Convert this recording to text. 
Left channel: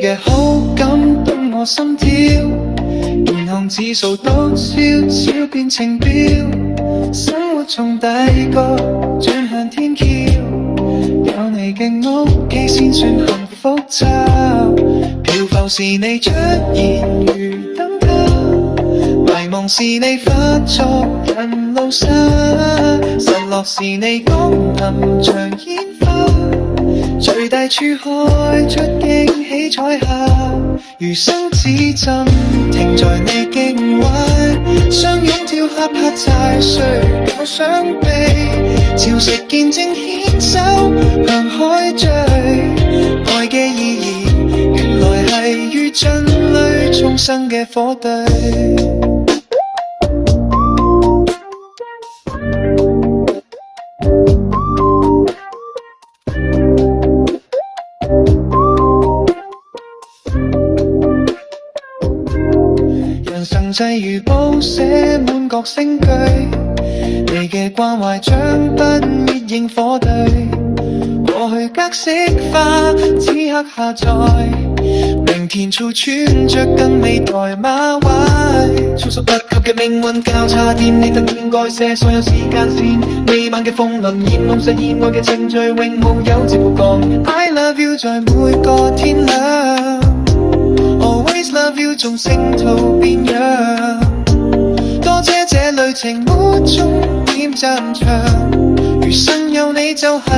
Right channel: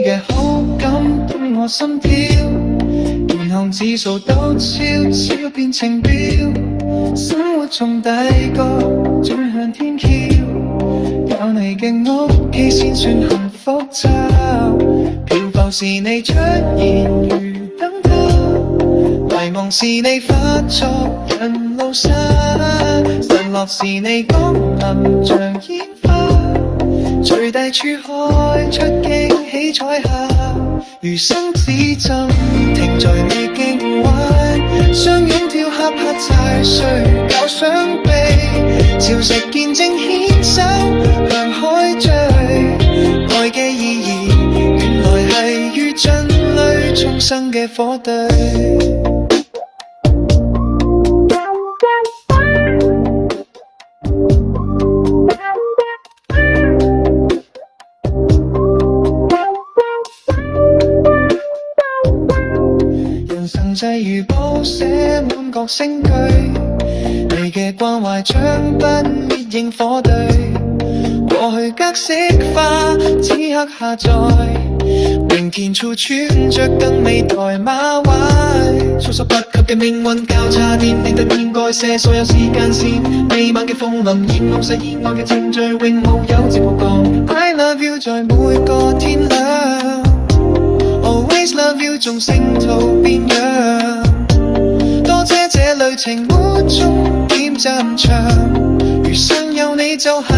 你嘅好感動我心跳，健康指數都悄悄變情標，生活從第個轉向天橋，有你嘅屋企先算幸福找，漂浮時你出現如燈塔，迷茫時你化作人路沙，散落時你降臨像煙花，隨大處開出驚喜彩霞，餘生只盡停在你境外，相擁跳恰恰踩碎舊傷悲，潮汐見證牽手向海追，愛嘅意義原來係於盡淚重生嘅火堆。際如報寫滿各聲句，你嘅關懷像不滅螢火堆，過去格式化，此刻下載，明天處穿着更美台馬位，措手不及嘅命運交叉點，你突然改寫所有時間線，彌漫嘅風雲，厭惡實現我嘅程序，永無休止曝光。I love you 在每個天亮。Always love you 縱星途變樣，多謝這旅程沒終點站場，餘生有你就係